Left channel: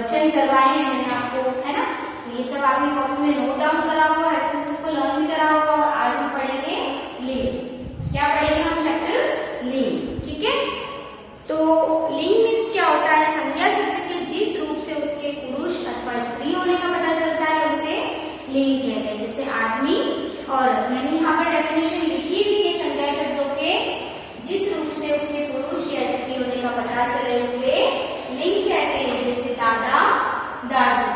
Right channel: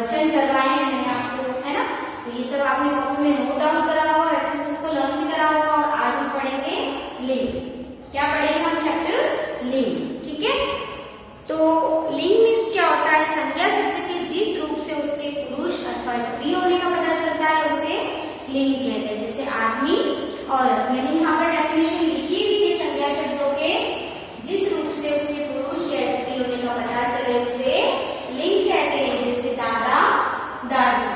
वचन करवाए हैं मैंने आपको, है ना। तो ये सब आपने कॉपी में नोट डाउन करा होगा, अच्छे से इसको लर्न भी करा होगा। और आज हम पढ़ेंगे लिंग। क्या पढ़ेंगे हम? चैप्टर लिंग, ठीक है। तो लिंग मीन्स क्या होता है? संज्ञा शब्द के जिस रूप से उसके पुरुष अथवा स्त्री होने का पता चलता है उसे लिंग कहते हैं। जैसे आदमी, औरत। मैंने यहाँ पर डेफिनेशन लिखी हुई है संज्ञा शब्दों के जिस रूप से उसके पुरुष या स्त्री होने का पता चले उसे लिंग कहते हैं। जैसे दादा, दादी।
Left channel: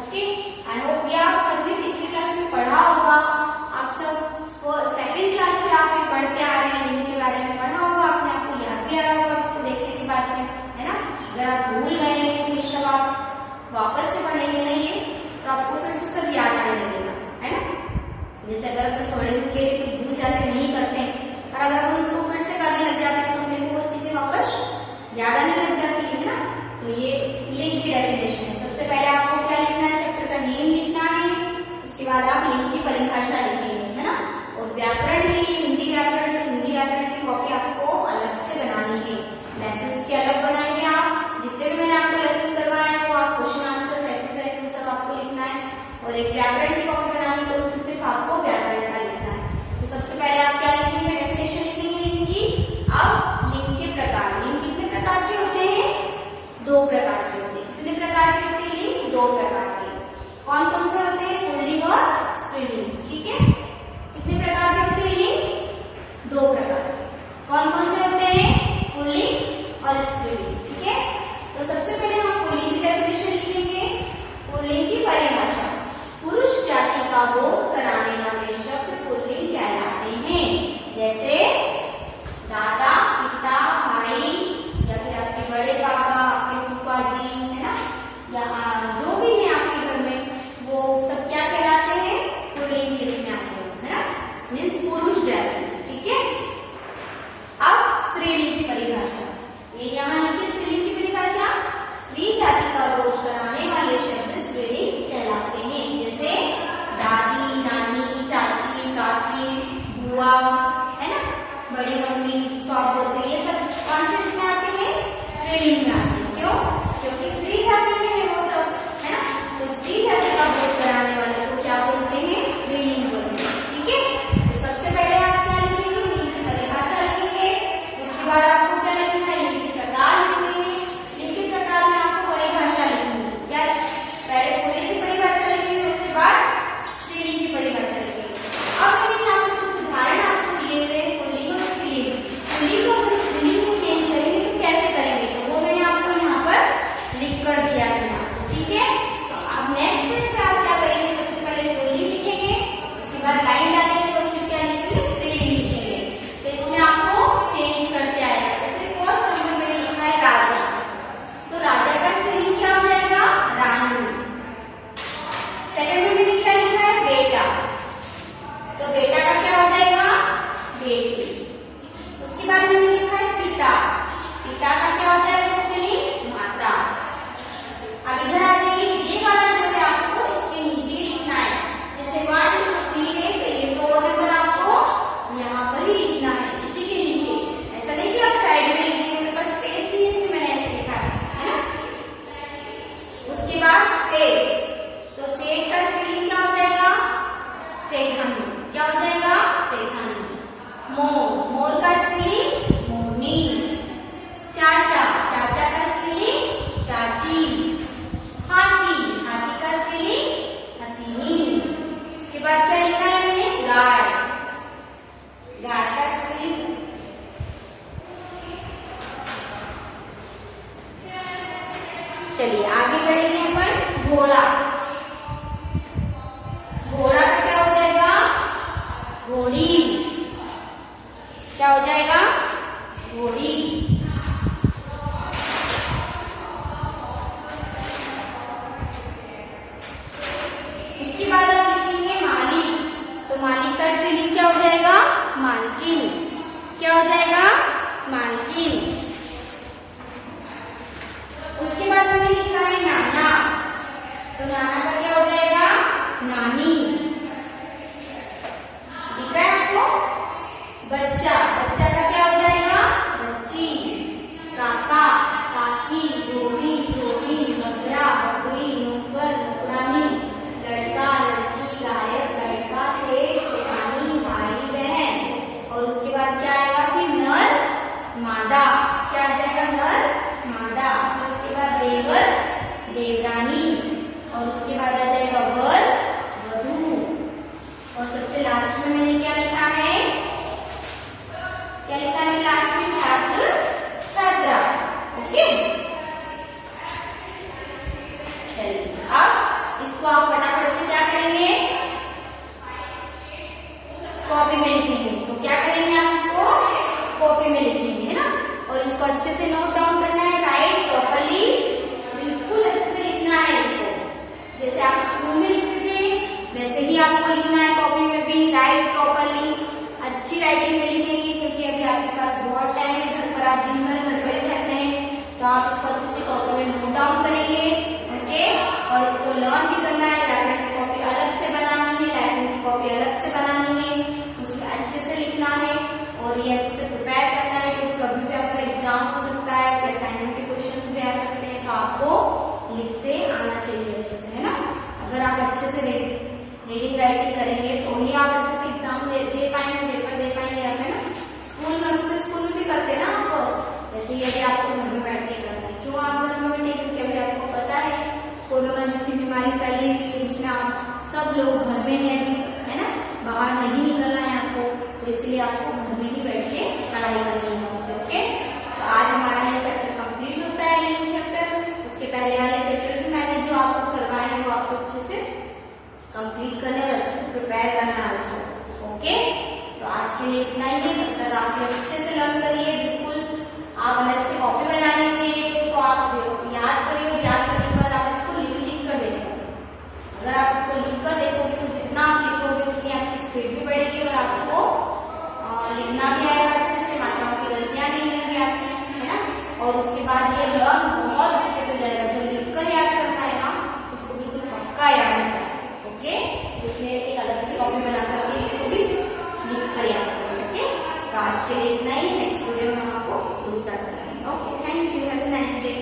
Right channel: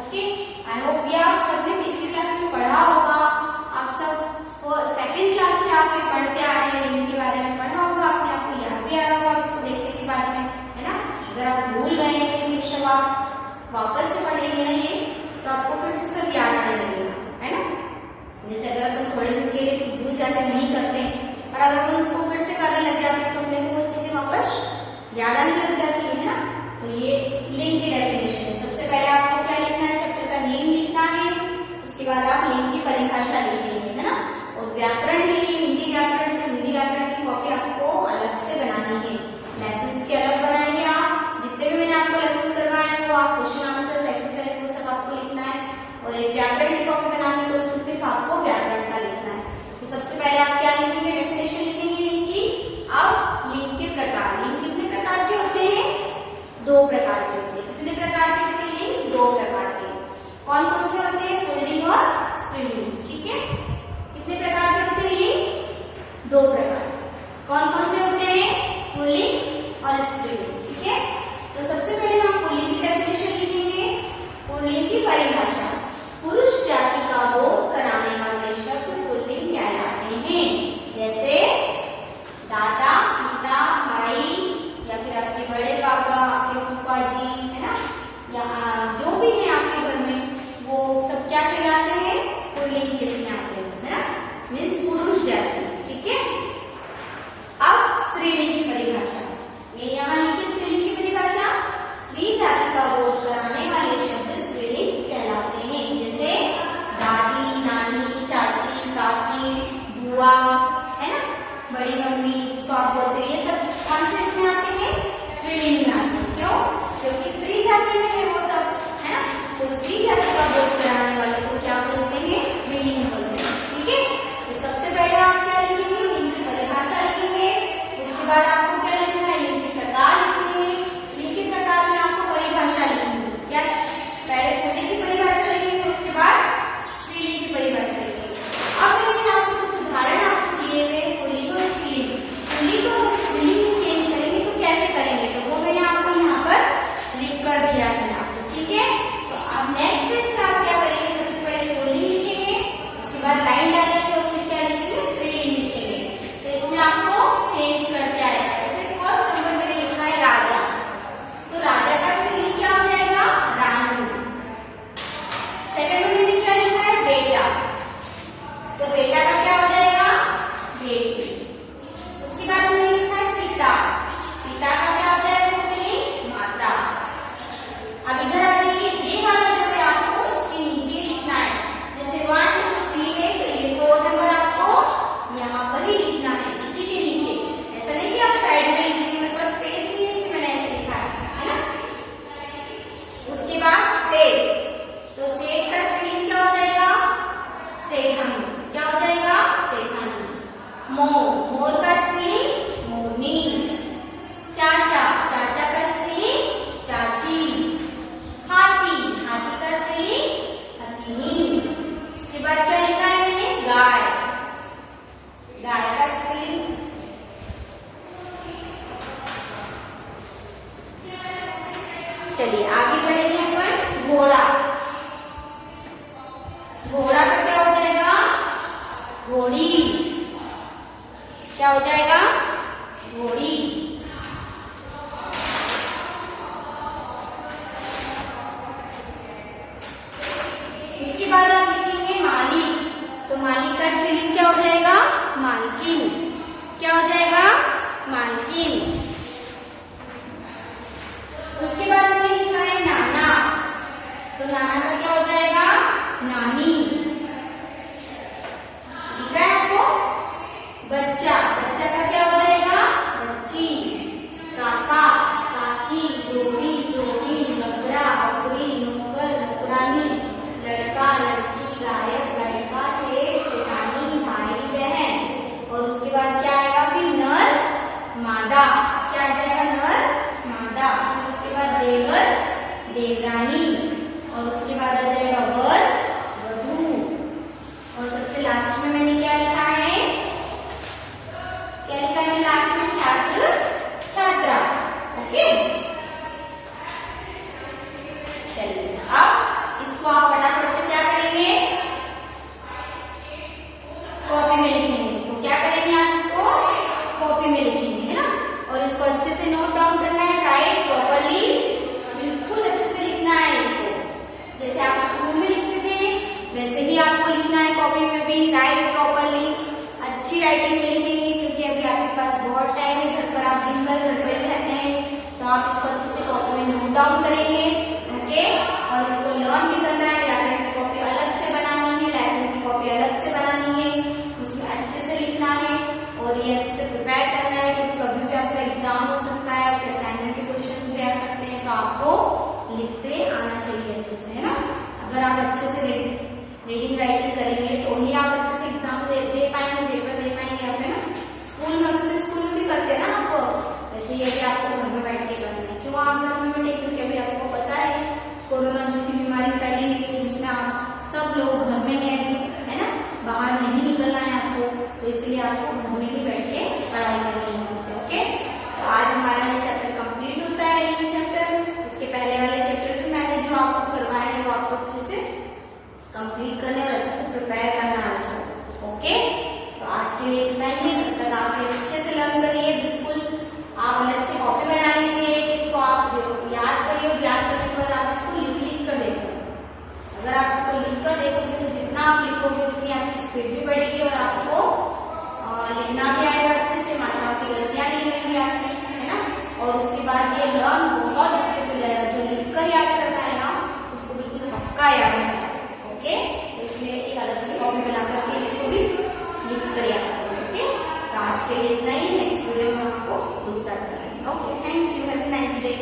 ओके, आई होप ये आप सबने पिछली क्लास में पढ़ा होगा। आप सब सेकंड क्लास से आप ये पढ़ते आ रहे हैं, लिंग के बारे में पढ़ा होगा आपने, आपको याद भी आ रहा होगा इसको देखने के बाद में, है ना। अगर आप भूल गए हैं तो ये सब आप वापस से पढ़ेंगे ना ये, तो आपको फिर से सब याद आने लगेगा, है ना। जैसे अगर अपन थोड़े दिन के लिए कुछ भूल जाते नहीं करते, और अगर हम इसको फिर से करने लग जाते हैं तो हमें वो चीजें वापस याद आने लग जाती है ना। तो ये लिंग की डेफिनेशन है। सबसे पहले आपको क्या लिखना है? चैप्टर का नेम लिखना है, उसके बाद आप लिंग की परिभाषा लिखेंगे, है ना। और व्याकरण है, ये हिंदी व्याकरण है, हिंदी व्याकरण की कॉपी आपको अलग से बनानी है। लेसन के अलग बनाएंगे आप। जितने भी मैंने आपको लेसन करवाए हैं वो आप क्वेश्चन आंसर एक्सरसाइज वो सब आपको लिखना है। और एक व्याकरण की कॉपी बनानी है तो उसमें सिर्फ आपको व्याकरण का लिखना है। तो सबसे पहले आप क्या लिखेंगे? डेफिनेशन लिखेंगे लिंग की। अब लिंग के प्रकार। लिंग कितने प्रकार के होते हैं? 2 प्रकार के होते हैं। कितने प्रकार के होते हैं लिंग? 2 प्रकार के। कौन कौन से होते हैं? पुल्लिंग और स्त्रीलिंग, ठीक है। कितने प्रकार के होते हैं लिंग? 2 प्रकार। कौन कौन से होते हैं? पुल्लिंग और स्त्रीलिंग, ठीक है। तो सबसे पहले हम पुल्लिंग की डेफिनेशन लिखेंगे। पुल्लिंग की परिभाषा, पुरुष जाति का बोध कराने वाले शब्द पुल्लिंग कहलाते हैं। जैसे दादा, पिता, भाई, या फिर आपके बड़े पापा, आपके फूफा जी, है ना, या जो भी है आपके घर में, वो सब क्या कहलाते हैं? पुल्लिंग किसमें आते हैं, है ना, मीन्स पुरुष जाति, ठीक है। अब स्त्रीलिंग की परिभाषा, ये यहाँ लिखिए स्त्रीलिंग की परिभाषा। स्त्री जाति का बोध कराने वाले शब्द स्त्रीलिंग कहलाते हैं। जैसे दादी, नानी, चाची, काकी, बुआ, है ना, बड़ी मम्मी जिसको आप बोलते हैं, ये सब कौन से इसमें आते हैं? स्त्रीलिंग में आते हैं। क्यों? क्योंकि स्त्री जाति में है वो सब, है ना। तो स्त्री जाति का बोध कराने वाले को क्या बोलते हैं? स्त्रीलिंग बोलते हैं, ठीक है। तो सबसे पहले आप क्या लिखेंगे? लिंग की परिभाषा लिखेंगे। उसके बाद आपको क्या लिखना है? लिंग के प्रकार लिखने हैं। लिंग के प्रकार में आपको परिभाषा लिखनी है। क्या? पहले पुल्लिंग की परिभाषा लिखेंगे, उसके बाद स्त्रीलिंग की परिभाषा लिखेंगे। अब मैंने यहाँ पर कुछ उदाहरण आपको दिए हुए पुल्लिंग और स्त्रीलिंग। पुल्लिंग को अगर स्त्रीलिंग में चेंज करेंगे तो कैसे करेंगे? तो वो मैंने आपको यहाँ पर लिख कर दिया है आपको, ठीक है। तो अब नेक्स्ट पेज पे आप क्या करेंगे? सबसे पहले पुल्लिंग लिखेंगे, उसके बाद लाइन डालेंगे और फिर क्या लिखेंगे? स्त्रीलिंग लिखेंगे। तो इसमें आपको चेंज करते आएगा। जैसे फर्स्ट नंबर में लिखा है राजा, तो राजा का स्त्रीलिंग क्या हो जाएगा? रानी। सेकंड में क्या लिखा है? बेटा, तो बेटा का क्या हो जाएगा? बेटी। उसके बाद में लिखा है पिता, पिता का क्या हो जाएगा स्त्रीलिंग? माता। अब इधर आ जाइए, ये वाला जो है आपको इसके नीचे लिखना है। जैसे 1 2 3 है तो ये 4 नंबर आपको यहाँ पर ही लिखना है, इसी के नीचे। ऐसा नहीं कि आप साइड में लिख देंगे, बस स्पेस नहीं, इसलिए मैंने ऐसे लिखा है ना। उसके बाद सेठ, तो सेठ का स्त्रीलिंग क्या हो जाएगा? सेठानी। क्या हो जाएगा? सेठानी। मोर, मोर का स्त्रीलिंग? मोरनी। चाचा, चाचा का स्त्रीलिंग? चाची। हाथी, हाथी का स्त्रीलिंग? हथीनी। उसके बाद क्या लिखा है मैंने? गाय, गाय का स्त्रीलिंग? चलिए आगे बढ़ेंगे अपन। घोड़ा, घोड़ा का क्या हो जाएगा? घोड़ी। क्या हो जाएगा? घोड़ी। इसके बाद आप लिखेंगे मालिक, तो मालिक का स्त्रीलिंग क्या हो जाएगा? मालकिन। क्या हो जाएगा? मालकिन। उसके बाद मैंने लिखा है नाना, तो नाना का क्या हो जाएगा? नानी। दिख रहा है आपको? बच्चा, बच्चा का क्या हो जाएगा? बच्ची। राइटिंग में लिखेंगे, क्योंकि अभी आपके पास बहुत टाइम है, घर पर आप दिन भर घर पर ही रहते हैं, तो आप इसको अच्छे से कॉपी में नोट डाउन करेंगे। ओके, और इसको लर्न भी करना है। व्याकरण की कॉपी अलग से बनानी है, लेसन की कॉपी अलग से बनानी है, उसमें अच्छे से लिखना है और ये अच्छे से प्रिपेयर करना है, क्योंकि कभी भी आपका एग्जाम हो सकता है, असाइनमेंट के क्वेश्चन भी आ सकते हैं, तो आपको लिखते आना चाहिए अच्छे से, है ना। अगर आप अच्छे से रीडिंग राइटिंग करेंगे तो ही आप अच्छे से एग्जाम दे पाएंगे, पेपर दे पाएंगे आप, है ना। स्कूल में तो स्कूल में भी करते हैं ना आप, वैसे ही अभी आपको घर में बैठ के करना है। क्यों आप घर में बैठे, क्योंकि अभी आपको पता है कोरोना जैसी बीमारी फैली हुई है, जिसमें आप सब लोग घर में हैं अभी, है ना, बाहर नहीं निकलना है आपको, तो इसलिए आपको घर में ही बैठ के पढ़ाई करनी है अच्छे से। ओके, तो आज हमारा ये चैप्टर कंप्लीट होता है, ये चैप्टर। उसके पहले वाले चैप्टर भी मैंने जो आपको करवाए हैं वो आपको अच्छे से कंप्लीट करना है और अच्छे से प्रिपेयर करना है उसको। ओके, तो आज के लिए इतना ही है। तब तक आप अच्छे से लर्न करिए, बिल्कुल आप अलग से कॉपी बना लीजिए, इसको आप याद करिए और याद करने के बाद आप इसको लिख कर देखिए। अगर आप इसको लिख कर देखोगे तो जितना आप लिखोगे उतनी आपकी स्पीड भी बढ़ेगी और आपको लिखना भी आएगा अच्छे से, मात्राओं की गलतियां नहीं होंगी आपकी, है ना। और उसके बाद ये लर्न बहुत अच्छे से जाएगा। जो लिखकर याद करना है ना, उसको बिल्कुल पक्का याद करना है। ओके, इसलिए एक अलग से कॉपी बना करके इसको भी लिख कर याद करें। ओके, तो आज के लिए इतना ही। नेक्स्ट वीडियो में हम आपको दूसरा करेंगे। Okay, thank you, have a nice day.